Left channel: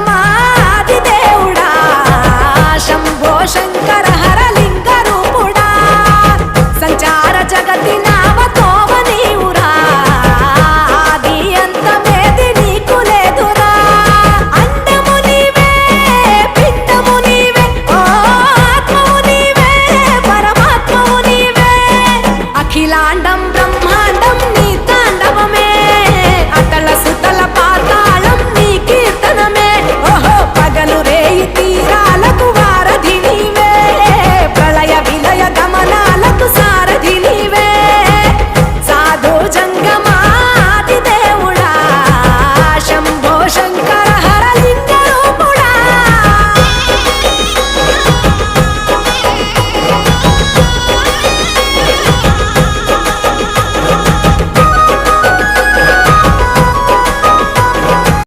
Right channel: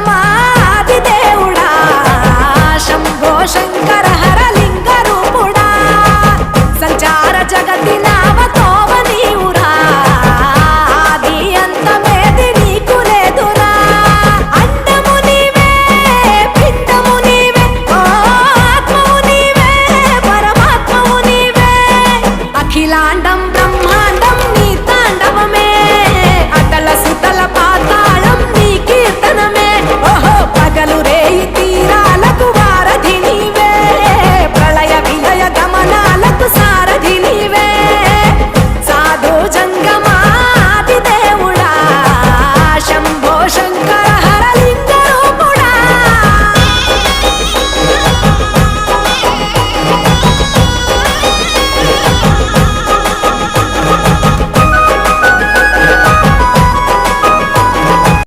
పరమాది దేవుడా శంభో శంకర హరలింగ రూపుడా సంచార జగతి నావతోవ నీవురా ఆది అంతమేది నీకు లేదురా అండము నీవే పిండము నీవే ఓ ఆత్మవు నీవే పరమాత్మవు నీవే అఖిలాండం బ్రహ్మాండం నీ తాండవమే అతల సుతల పాతాళం నీ కీర్తనమే ఓహో పగలు రేయి తీరాలకు వారధి నీవే ప్రళయ విలయ గమన